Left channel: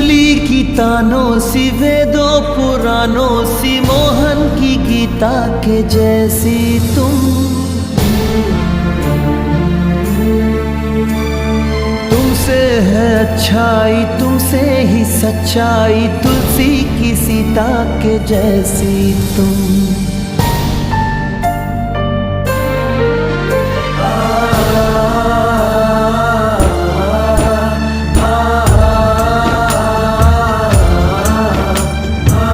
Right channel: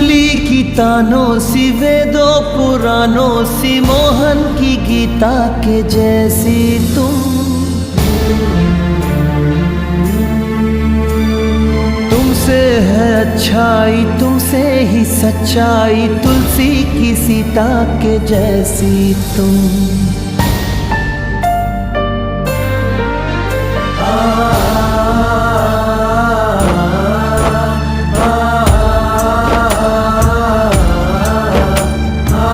मुरली की तानों सी, वेदों पुराणों सी, मोहन की गीता के जैसी तुमसे है अच्छाई, तुमसे ही सच्चाई, तुलसी की सीता के जैसी तुम।